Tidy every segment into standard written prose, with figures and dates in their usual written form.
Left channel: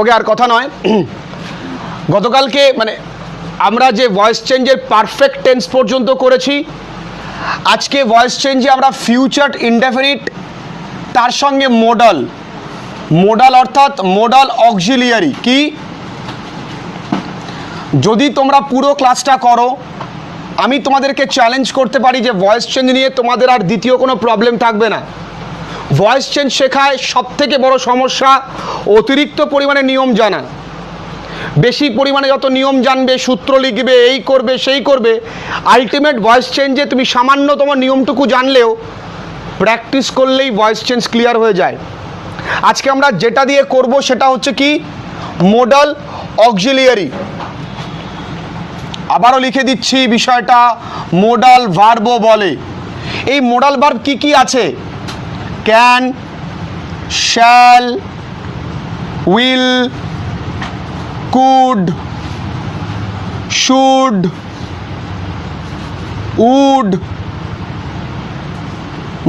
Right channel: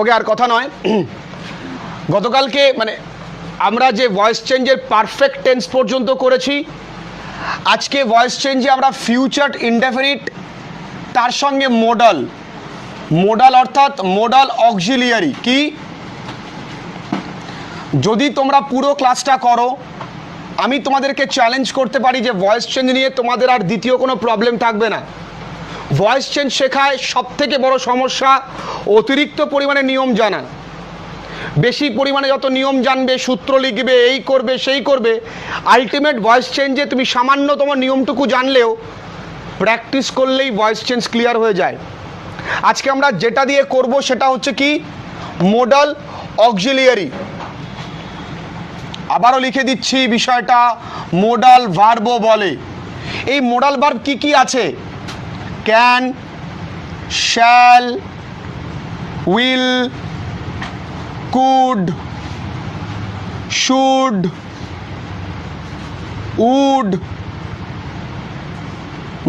ওকে, আর কথা নয়। গতকালকে মানে আমরা যে ভয়েস চেঞ্জের পারফেক্ট টেন্স পর্যন্ত করেছি, আজকে ভয়েস চেঞ্জে আমরা ফিউচার ইনডেফিনিট তার সঙ্গে মোডাল, মোডাল অর্থাৎ মোডাল অক্সিলিয়ারি। কি যদি তোমরা পুরো ক্লাসটা করো, আমি তোমাদেরকে চ্যালেঞ্জ করতে পারি যে ভয়েস চেঞ্জ নিয়ে তোমাদের আর দ্বিতীয় কোনো প্রবলেম থাকবে না। ভয়েস চেঞ্জ শেখায় সবথেকে বড় সমস্যা অতিরিক্ত পরিমাণে নিয়ম জানা। বেশি পরিমাণে যত নিয়ম জানবে, সূত্র লিখবে, এই করবে সেই করবে, আলটিমেট ভয়েস চেঞ্জে তুমি সামান্যতম নিয়মটুকু জানলেও প্র্যাকটিস করলেই ভয়েস চেঞ্জ ক্লিয়ার হয়ে যায়। আজকে আমরা যেটা দিয়ে করব সেটা হচ্ছে কি মোডাল অক্সিলিয়ারি। আবারও লিখে দিচ্ছি বিষয়টা, মোডাল ভার্বও বলে। এই মোডাল ভার্ব কি কি আছে? Can, shall, will, could, should, would,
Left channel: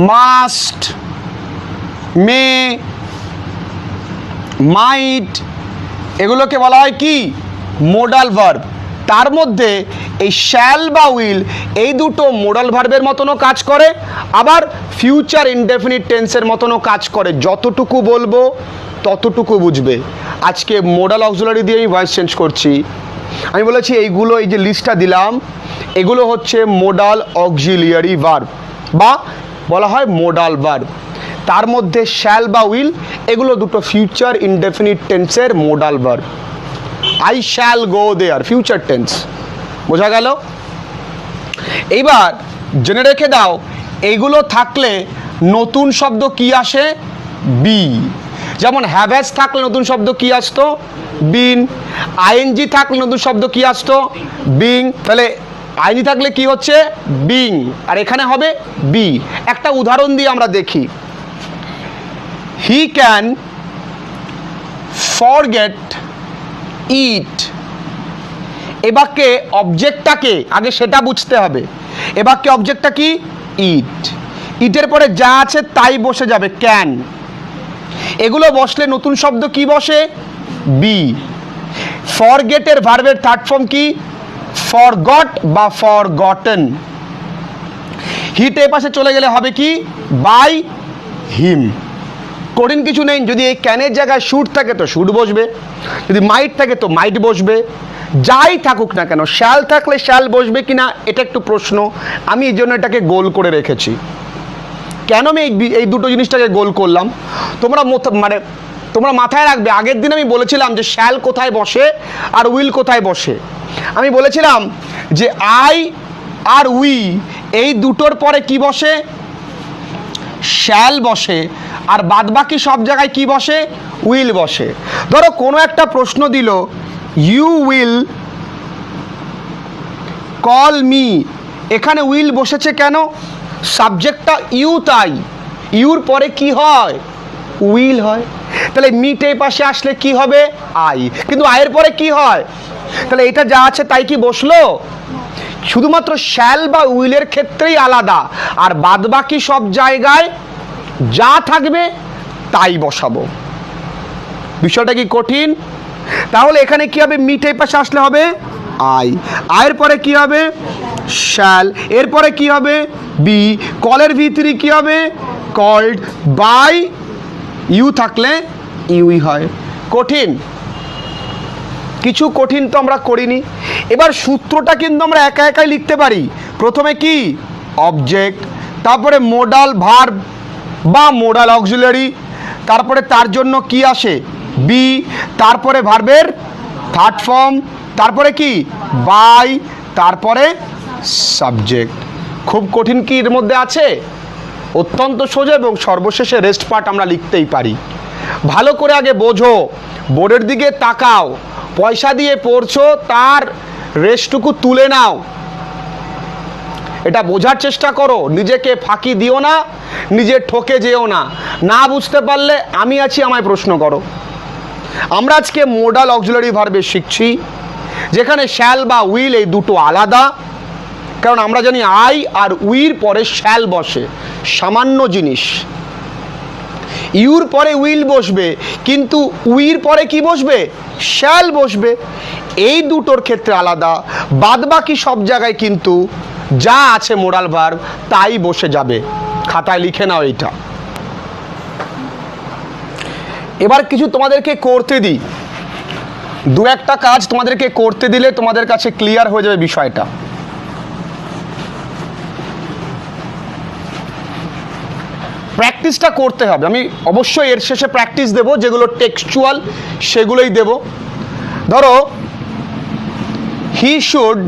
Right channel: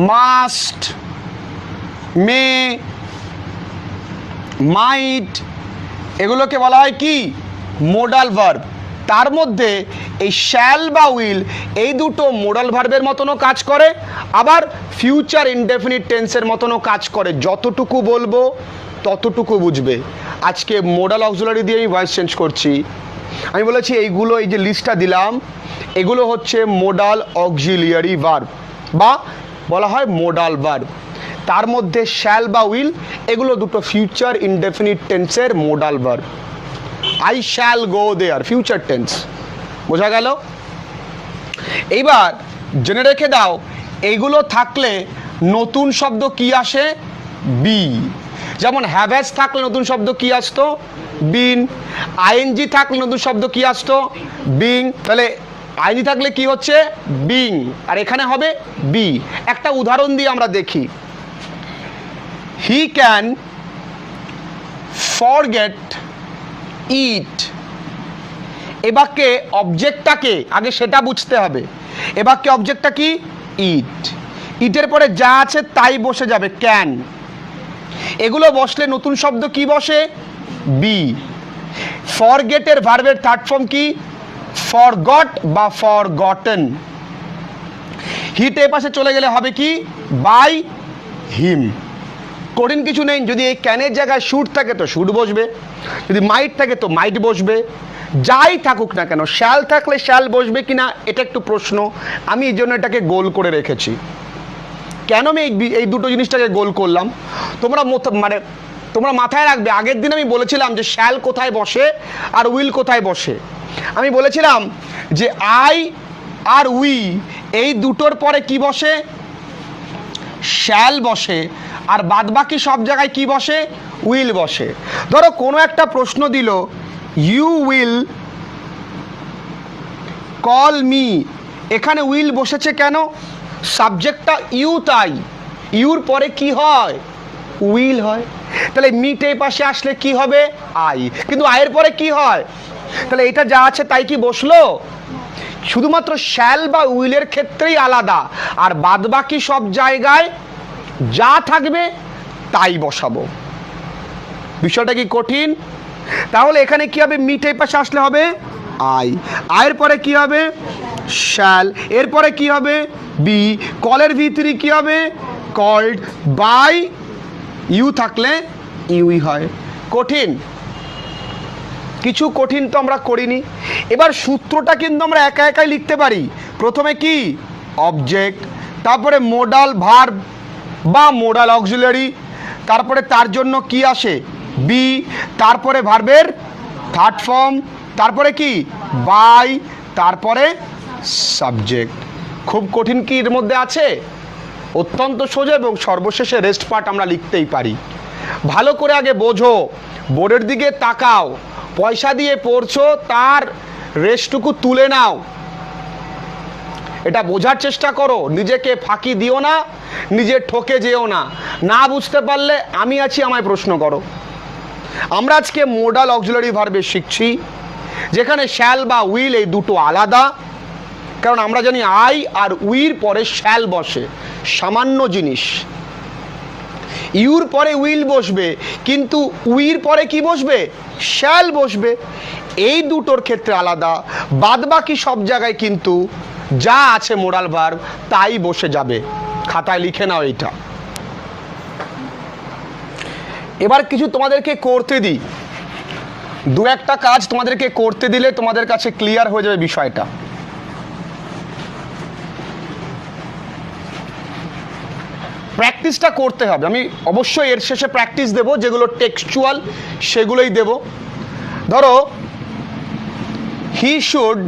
must, may, might, এগুলোকে বলা হয় কি মোডাল ভার্ব। তার মধ্যে এই শ্যাল বা উইল এই দুটো মোডাল ভার্বের মতনও কাজ করে, আবার ফিউচার ইনডেফিনিট টেন্সের মতনও কাজ করে। যতটুকু বলবো ততটুকু বুঝবে। আজকে মোডাল অক্সিলারি দিয়ে আমি ভয়েস চেঞ্জ করছি। আমি বলেছি এইগুলো, এই যে লিস্টটা দিলাম, এগুলো হচ্ছে মোডাল অক্সিলিয়ারি ভার্ব বা বলা হয় মোডাল ভার্ব। তার মধ্যে শ্যাল বা উইল এগুলো দুটো ফিউচার ইনডেফিনিট টেন্সের modal verb. I shall go there, future tense. বোঝা গেল? এইবার জেনে রেখে দাও, এইগুলো থাকলে নতুন শব্দ কি আসে? বি। যেমন হ্যাভ্যাজ থাকলে নতুন শব্দ কি আসতো? বিন। আইএনজি থাকলে নতুন শব্দ কি আসতো? বিং। তাহলে আইনি থাকলে কি হচ্ছে? বিং। আর এখানে হবে বি। একটা উদাহরণ দিয়ে আমরা দেখি। He can forget it. এ বাক্যে অবজেক্টটাকে আগে সেটা বুঝতে হবে। এ বাক্যে অবজেক্টটা কি? ইট। ইটের পরে যা আছে তাই বসে যাবে, ক্যান। এগুলো বসলে নতুন শব্দ কি বসে? বি। ফরগেটের ভার্বের থার্ড ফর্ম কি? ফরগট বা ফরগটেন। হিট এ পাশে চলে গেলে হবে কি? By him. কঠিন কিছু নেই। যদি এই ক্যানের জায়গায় শুড থাকে তো শুড বসবে, যদি মাইট থাকে তো মাইট বসবে, যাই থাকুক না কেন। শ্যাল থাকলে শ্যাল বসবে কিনা এটা একটু প্রশ্ন। আমি এই জন্য এটাকে গোল করে রেখেছি। কেন আমি এই দুটো জিনিসটাকে গোল করলাম তোমরা মাথায় রাখবে। আগের দিন আমি বলেছিলাম যে শ্যাল কোথায় বসে আর উইল কোথায় বসে। আমি বলেছিলাম যে আই আর উই এই দুটোর পরে কি বসে? শ্যাল বসে। আর বাদবাকি সব জায়গায় কি বসে? উইল বসে। ধরো কোনো একটা প্রশ্ন দিল, ইউ উইল কল মি, এখানে উইল বসেছে কেন? সাবজেক্টটা ইউ, তাই ইউর পরে কি হয়? উইল হয়। তাহলে মিট এই পাশে আসলে কি হবে? আই। কিন্তু আয়ের পরে কি হয়? তাহলে এটা যা আছে তাই কি বসলো? শুধুমাত্র শ্যাল বা উইলের ক্ষেত্রেই আলাদা, আর বাদবাকি সব জায়গায় যা থাকবে তাই বসাবো। বিষয়টা কি কঠিন? তাহলে এখানে কি হবে? মিট এই পাশে আসলে হবে আই। আয়ের পরে কি হবে? শ্যাল। এরপরে কি হবে? বি। কলের ভিতরে কি হবে? কল্ড। বাই ইউ থাকলে ইউই হয়। কঠিন কিছু? কঠিন তো আমরা করিনি। এবার সূত্রটা কিন্তু আমরা একা একাই লিখতে পারি। প্রথমে কি? অবজেক্ট, তারপরে মোডাল ভার্ব বা মোডাল অক্সিলারি, তারপরে তার জন্য কি আসে? বি, তারপরে ভার্বের থার্ড ফর্ম, তারপরে কি? বাই, তারপরে সাবজেক্ট। খুব কঠিন কি এর মধ্যে আছে? অত্যন্ত সোজা। এবং সর্বশেষে রেস্ট পার্ট আমরা লিখতেই পারি। ভালো করে আগে বোঝো, বোর্ডের দিকে তাকাও, পয়সা দিয়ে পড়ছো তার রেস্টটুকু তুলে নাও। এটা বোঝার চেষ্টা করো, নিজেকে ফাঁকি দিও না, নিজে ঠকে যেও না। না বুঝতে পারলে আমি আছি, আমায় প্রশ্ন করো। আমরা আজকে মোডাল অক্সিলারি ভার্বে শিখছি, যেখানে শ্যাল বা উইল এই দুটো আলাদা। কারণ আমরা জানি আই আর উইর পরে শ্যাল বসে, সামান্য জিনিস। ইউর পরে উইল বসবে, কিন্তু উইর পরে কি বসবে? শ্যাল বসবে। এই দুটোর ক্ষেত্রে আলাদা, বাদ বাকি সব জায়গায় কিন্তু যা আছে মোরাল ভার্ব তাই বসে যাবে। খাতায় লিখে নাও এইটা। এবার কিছু তোমাদেরকে করতে দিই, দু একটা কাজ তোমাদেরকে করতে দিলে তোমাদের কাছে ক্লিয়ার হয়ে যাবে বিষয়টা। প্র্যাকটিসটা করতে হবে। আমি অবশ্যই এর শেষে প্র্যাকটিস দেব, যেগুলো টেক্সচুয়াল সেগুলোই দেব। ধরো, he should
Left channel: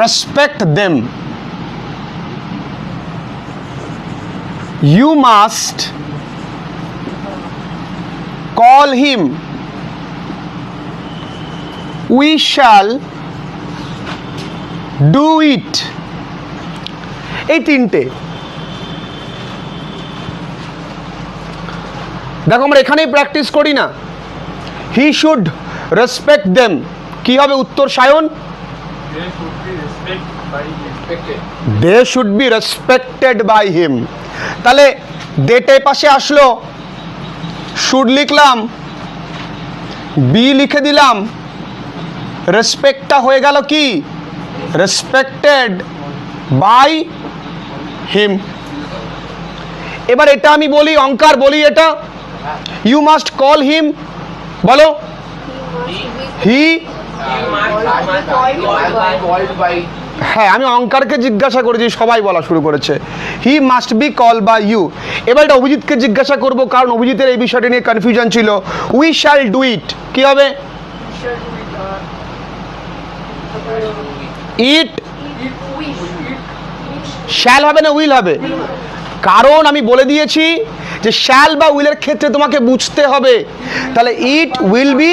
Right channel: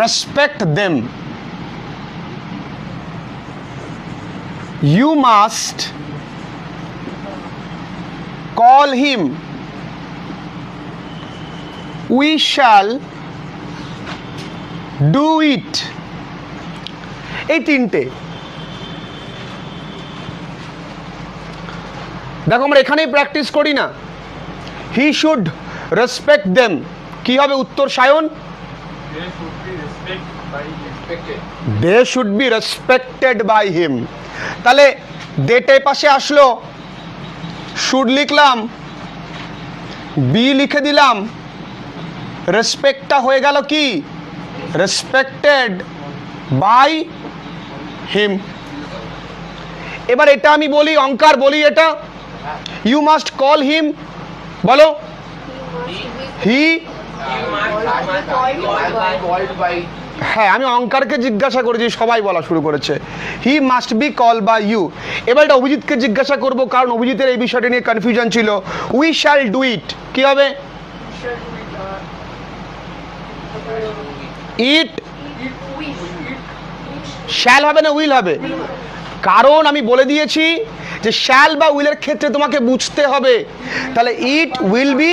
respect them, you must call him, we shall do it. এই তিনটে দেখো, আমরা এখানেই প্র্যাকটিস করি না। হি শুড রেসপেক্ট দেম, কি হবে উত্তর Sayan? They should be respected by him. তাহলে দেটে পাশে আসলো, শুড লিখলাম, বি লিখে দিলাম, রেসপেক্টটা হয়ে গেল কি? Respected by him. এবার এটা আমি বলি, অঙ্কার বলি এটা, ইউ মাস্ট কল হিম, বলো। হি, হ্যাঁ আমি অঙ্কারকে জিজ্ঞাসা করেছি, সবাই বলা শুরু করেছে। He must be call by you. এবার এটা অভিজিৎকে জিজ্ঞাসা করবো, কারণ অভিজিতের এই বিষয়টি নিয়ে কনফিউশন ছিল। উই শ্যাল ডু ইট, কি হবে? ইট শ্যাল হবে না উইল হবে? কারণ আমি বলে দিয়েছি যে শ্যাল বা উইলের ক্ষেত্রে তোমাকে বুঝতে হবে। তাহলে it will be,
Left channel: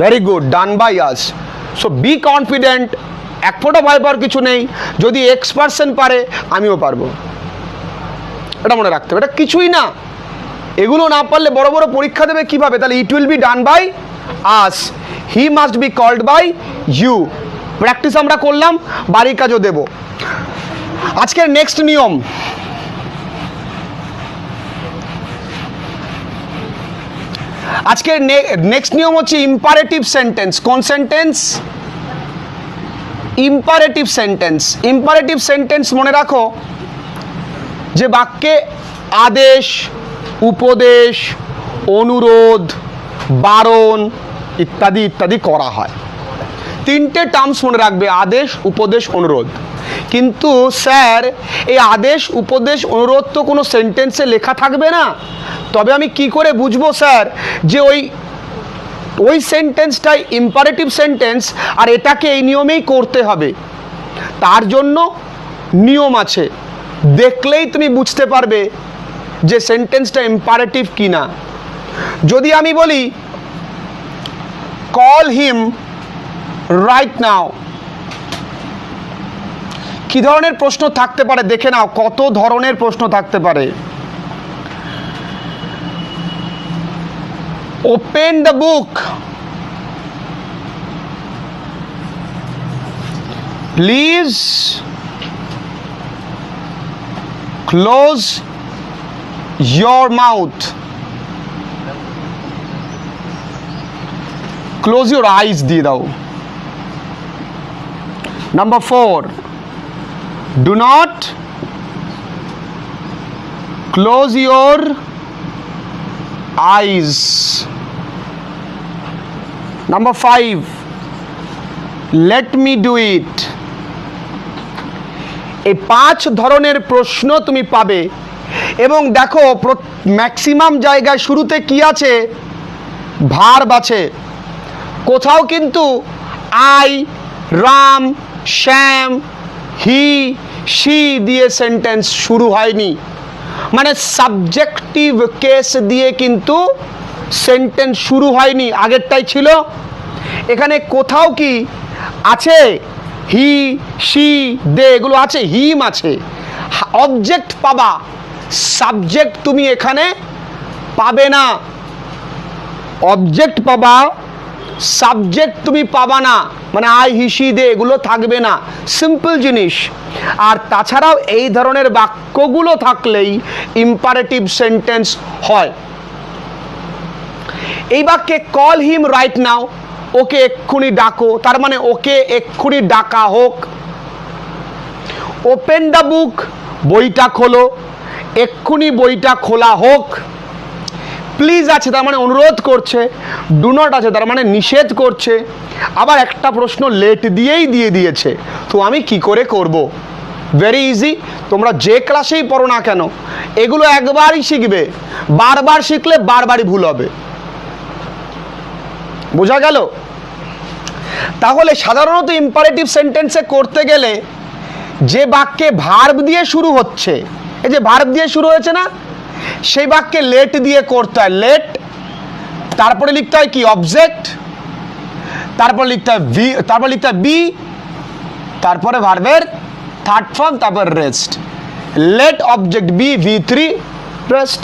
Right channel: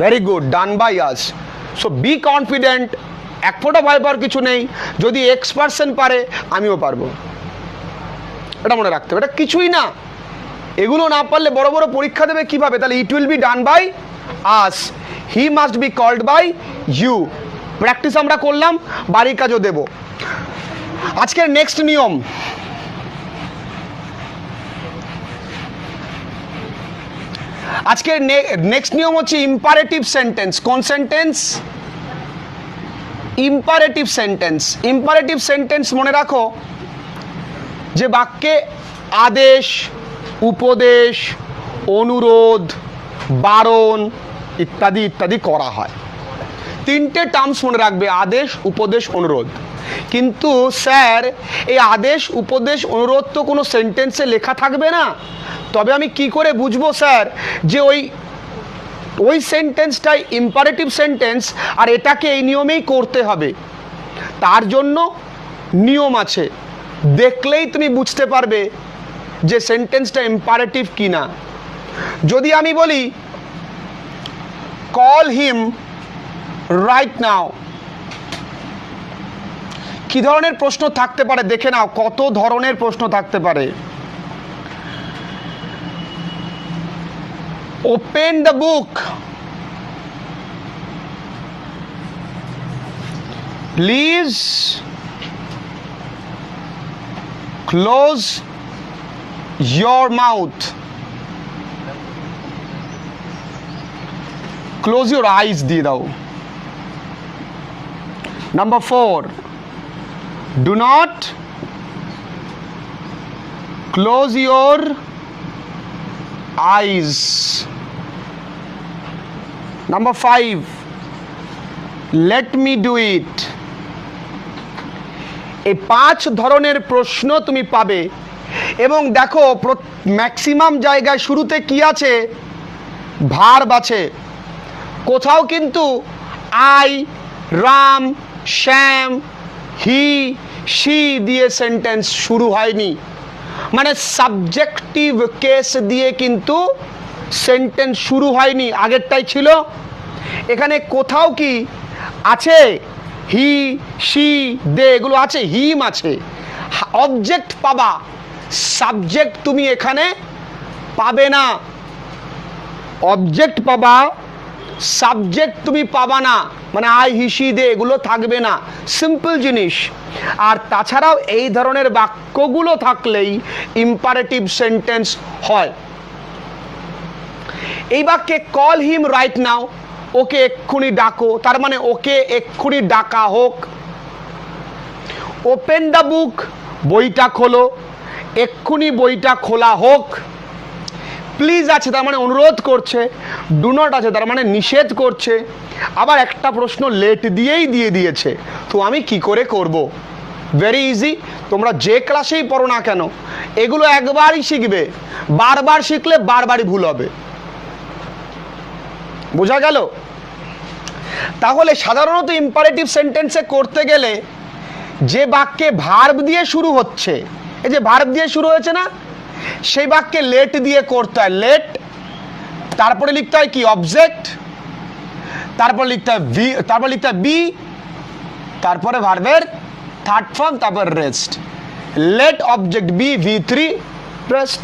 very good, done by us. So be confident, এক ফোঁটা ভয় পাওয়ার কিছু নেই। যদি X% পারে, আমিও পারবো, এটা মনে রাখতে হবে। এটা কিছুই না, এগুলো না পারলে বড় বড় পরীক্ষা দেবে কিভাবে? তাহলে it will be done by us, he must be called by you. Practice আমরা করলাম, বাড়ির কাজও দেব। আজকের নেক্সট নিয়ম, আজকের নেক্সট নিয়ম হচ্ছে ইম্পারেটিভ সেন্টেন্স। কোন sentence? Imperative sentence. Imperative sentence মনে রাখো যে বাক্যে আদেশ, উপদেশ, অনুরোধ, বারণ ইত্যাদি ইত্যাদি করা হয়। তিনটে টার্মস মনে রাখবে, আদেশ, উপদেশ, অনুরোধ। কিন্তু স্যার এই আদেশ, উপদেশ, অনুরোধ তো কোনো সেন্টেন্সে লেখা থাকবে না, তবে আমি কি করে বুঝবো স্যার যে ওই সেন্টেন্সটাই ইম্পারেটিভ সেন্টেন্স আর এটাকে এই নিয়মেই করতে হবে? তার জন্য নিয়ম আছে, দেখলেই তুমি বুঝতে পারবে যে সেন্টেন্সটা ইম্পারেটিভ কিনা। যদি আমি বলি কল হিম রাইট নাও, কি ধরনের প্রশ্ন থাকতে পারে দেখে নাও, কত ধরনের প্রশ্ন থাকতে পারে। Open the book, please close your mouth, close your eyes দিয়ে দাও। Number 4, do not close your eyes. Number 5, let me do it. এই 5 ধরনের প্রশ্ন তুমি পাবে। এবং দেখো ম্যাক্সিমাম জায়গায় শুরুতে কি আছে? ভার্ব আছে। কোথাও কিন্তু I, Ram, Shyam, he, she দিয়ে সেন্টেন্স শুরু হয়নি, মানে সাবজেক্টিভ কেস দিয়ে কিন্তু সেন্টেন্স শুরু হয়নি, আগেরটাই ছিল। এখানে কোথাও কি আছে? হি, শি, দে এগুলো আছে, হিম আছে। অবজেক্ট পাবা, সাবজেক্ট তুমি এখানে পাবে না। অবজেক্ট পাবা, সাবজেক্ট তুমি পাবা না, মানে আই, হি, শি, দে এগুলো থাকবে না। সিম্পল জিনিস। আর তাছাড়াও এই ধরনের বাক্যগুলো থাকলেই ইম্পারেটিভ সেন্টেন্স হয়। এই বাক্যে কল হিম রাইট নাও, ওকে এক্ষুনি ডাকো, তার মানে ওকে এক্ষুনি ডাকা হোক। ওপেন দ্য বুক, বইটা খোলো, এক্ষুনি বইটা খোলা হোক। প্লিজ আছে তার মানে অনুরোধ করছে, ডু নট আছে তার মানে নিষেধ করছে। আবার একটা প্রশ্ন লেট দিয়েই দিয়ে দিয়েছে, তো আমি কি করে করব? ভেরি ইজি, তোমরা যে ক্লাসেই পড়ো না কেন এগুলো একবারই শিখবে, বারবার শিখলে বারবারই ভুল হবে। বোঝা গেল? তাহলে সাধারণত ইম্পারেটিভ সেন্টেন্সে করতে গেলে যে বাক্যে ভার্ব দিয়ে শুরু হচ্ছে, এই যে ভার্ব দিয়ে শুরু হয়েছে না, সেই বাক্যে লেট দিয়ে করতে হয়। লেট, তারপরে লিখতে হয় কি অবজেক্ট, তারপর লিখতে হয় ভি, তারপর লিখতে হয় বি, তারপরে ভার্বের থার্ড ফর্ম, তারপর rest. Let object be, V3 rest.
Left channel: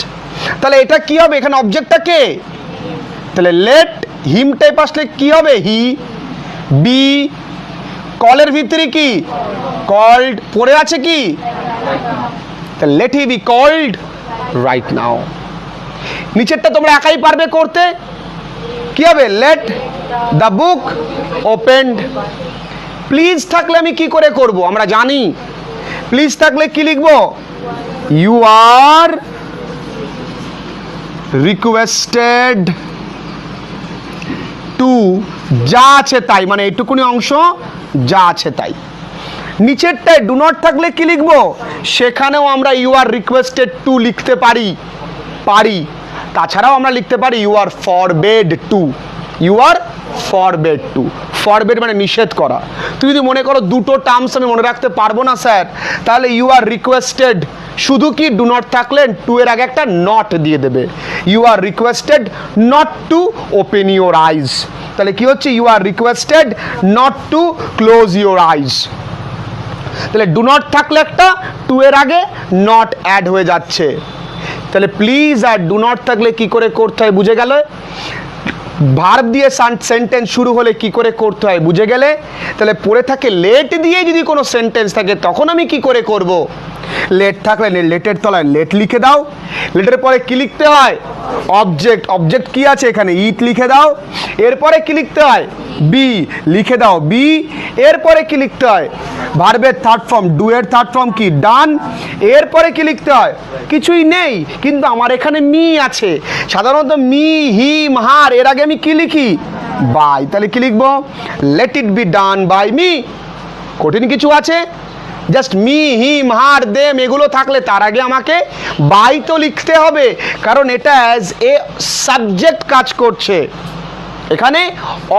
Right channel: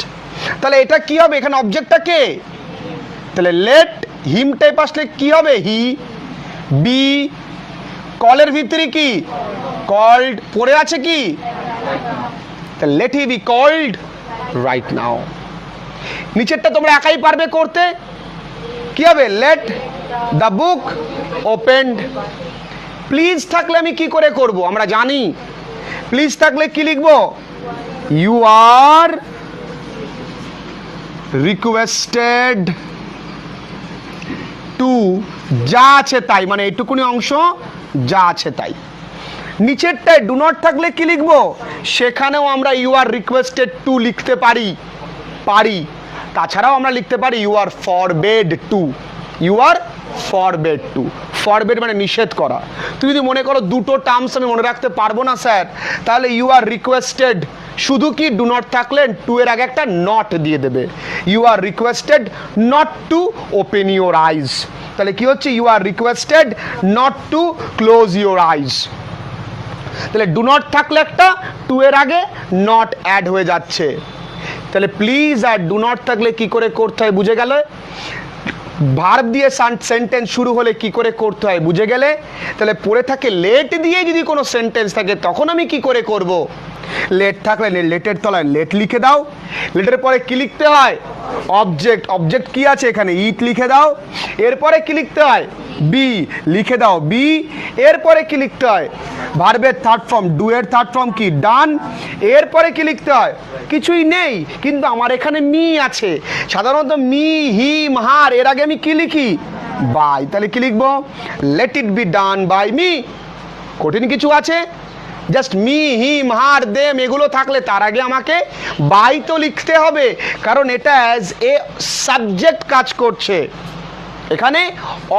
তাহলে এটা কি হবে? এখানে অবজেক্টটা কে? তাহলে লেট হিম টাইপ আসলে কি হবে? হি। বি, কলের ভিতরে কি কল্ড, পড়ে আছে কি, তাহলে let he be called right now. নিচেরটা তোমরা একাই পারবে করতে। কি হবে? Let the book opened. Please থাকলে আমি কি করে করব? আমরা জানি প্লিজ থাকলে কি লিখবো? ইউ আর রিকোয়েস্টেড টু, যা আছে তাই, মানে এইটুকুনি অংশ যা আছে তাই। নিচেরটায় ডু নট থাকলে কি লিখবো? সেখানেও আমরা ইউ আর রিকোয়েস্টেড টু লিখতে পারি। তাছাড়াও আমরা লিখতে পারি you are forbade to. You are forbade to, forbade মানে নিষেধ করা। তুই যদি মনে করো দুটো টার্মস আমি মনে রাখতে পারবো না স্যার, তাহলে ইউ আর রিকোয়েস্টেড শুধু কি ডু নট থাকলে টু এর আগে একটা নট দিয়ে দেবে। You are requested not to open your eyes, তাহলে কি হচ্ছে? You are requested not to close your eyes. তাহলে ডু নট থাকলে একটা টু এর আগে নট অ্যাড হয়ে যাচ্ছে। তাহলে প্লিজ আর ডু নট থাকলে কি করে করতে হয় বুঝে গেল? ভার্ব দিয়ে সেন্টেন্স শুরু হলে কি করে করতে হয় বুঝে গেলে? তাহলে পড়ে থাকে লেট দিয়ে যদি কোনো সেন্টেন্স থাকে তখন আমি কি করে করব? লেট থাকলে লেটের তলায় লেট লিখে দাও। লেটের পরে কি লিখতে হয়? অবজেক্ট। অবজেক্ট কি আছে এখানে? ইট লিখে দাও। এরপরে কি লিখতে হয়? বি লিখে দাও, বি। এরপরে কি লিখতে হয়? ভার্বের থার্ড ফর্ম, ডু এর থার্ড ফর্ম কি? ডান। এরপরে কি লিখতে হয়? কিছুই নেই, কিন্তু আমার এখানে মি আছে। সাধারণত মি, হিম, হার, এর আগে আমি কি লিখি? বাই। তাহলে কি লিখবো? Let it be done by me. কঠিন কিছু আছে? Just me, him, her, them এগুলো থাকলে তার আগে আমাকে বাই তো লিখতে হবে, কারণ এটা অ্যাজ এ সাবজেক্ট কাজ করছে, এখানে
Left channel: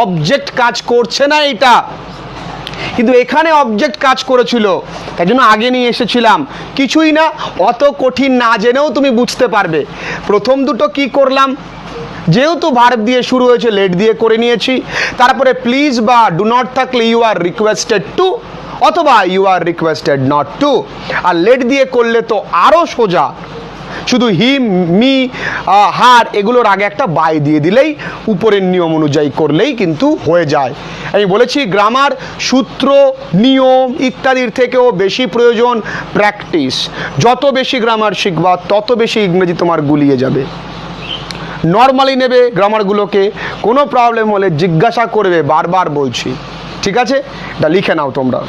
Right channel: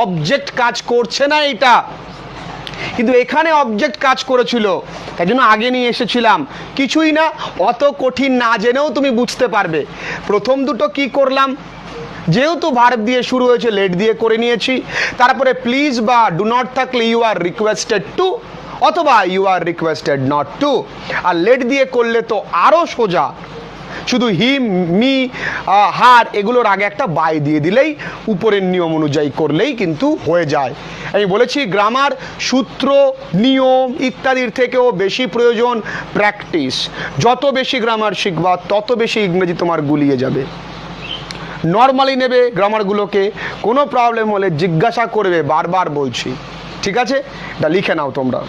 অবজেক্ট কাজ করছে না এটা। কিন্তু এখানে অবজেক্ট কাজ করেছিল, তাই জন্য আগে নিয়ে এসেছিলাম। কিছুই না, অত কঠিন না জেনেও তুমি বুঝতে পারবে। প্রথম দুটো কি করলাম? যেহেতু ভার্ব দিয়ে শুরু হয়েছে লেট দিয়ে করে নিয়েছি। তারপরে প্লিজ বা ডু নট থাকলে ইউ আর রিকোয়েস্টেড টু, অথবা you are requested not to. আর লেট দিয়ে করলে তো আরো সোজা, শুধু হিম, মি, হার এগুলোর আগে একটা বাই দিয়ে দিলেই উপরের নিয়ম অনুযায়ী করলেই কিন্তু হয়ে যায়। আমি বলেছি গ্রামার সূত্র, নিয়ম ইত্যাদির থেকেও বেশি প্রয়োজন প্র্যাকটিস। যত বেশি গ্রামার শিখবা তত বেশি ইংরেজি তোমার গুলিয়ে যাবে। নর্মালি নেবে গ্রামারগুলোকে, কোনো প্রবলেম হলে জিজ্ঞাসা করবে, বারবার বলছি। ঠিক আছে, এটা লিখে নাও তোমরা।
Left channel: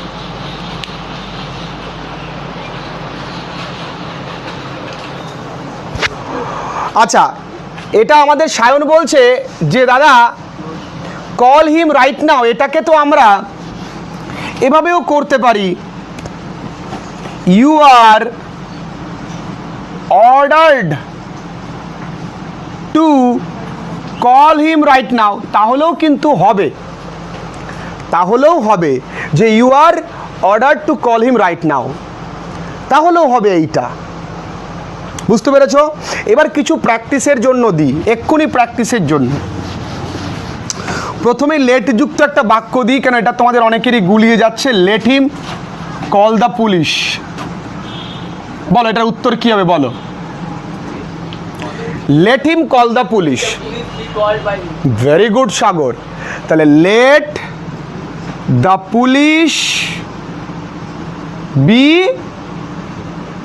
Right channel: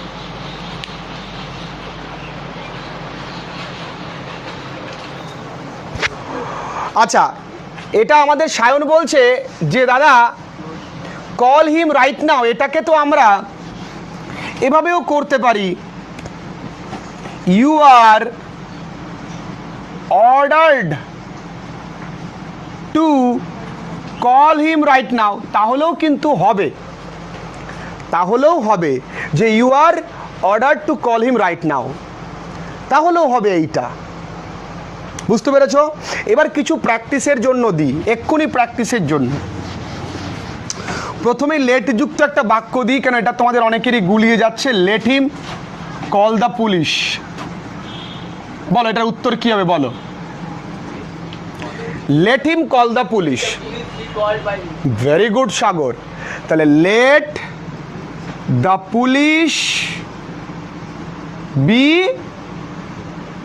আচ্ছা, এটা আমাদের সায়ন বলছে যে দাদা কল হিম রাইট নাও, এটাকে তো আমরা এভাবেও করতে পারি, you are ordered to call him right now. তাহলেও কিন্তু হবে, তাহলেও হবে যে you are ordered to call him right now, তাহলেও হবে এইটা। বুঝতে পেরেছো? এবার কিছু প্র্যাকটিসের জন্য দিই, এক্ষুনি প্র্যাকটিসের জন্য। প্রথমে লেট যুক্ত একটা বাক্য দিই, কেন এটা তোমাদের অনেকেরই গুলিয়ে যাচ্ছে। Let him call the police. বলো এটার উত্তর কি হবে? বলো। Let him call the police. Very good Sagar. তাহলে let the police be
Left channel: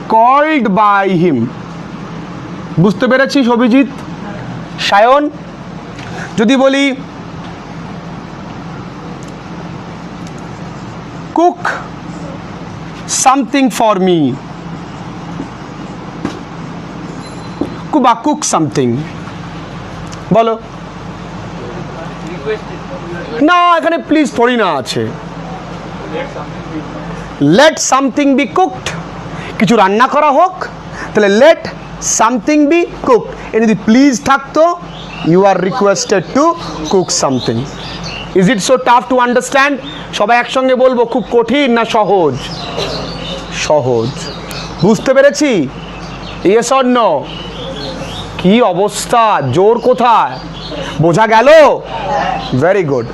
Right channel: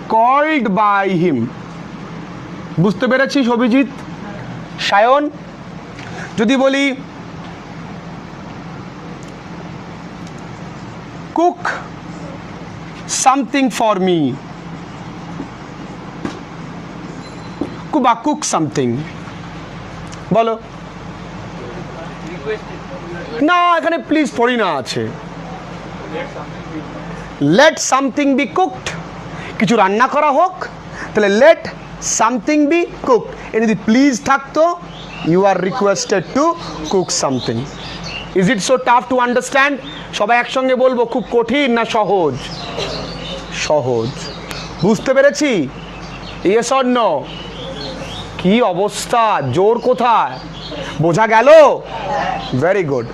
called by him. বুঝতে পেরেছিস অভিজিৎ? সায়ন, যদি বলি কুক সামথিং ফর মি, বা কুক সামথিং, বলো। না, এখানে প্লিজ থোড়ি না আছে। লেট সামথিং বি কুকড, কিছু রান্না করা হোক, তাহলে লেট সামথিং বি কুকড। এ যদি প্লিজ থাকতো, you are requested to cook something. Is it so tough to understand? সবাই একসঙ্গে বলবো, খুব কঠিন না সহজ? সহজ। বুঝতে পেরেছি? Yes or no? কি অবস্থা, জোর কোথায়? বোঝা গেল? Very good.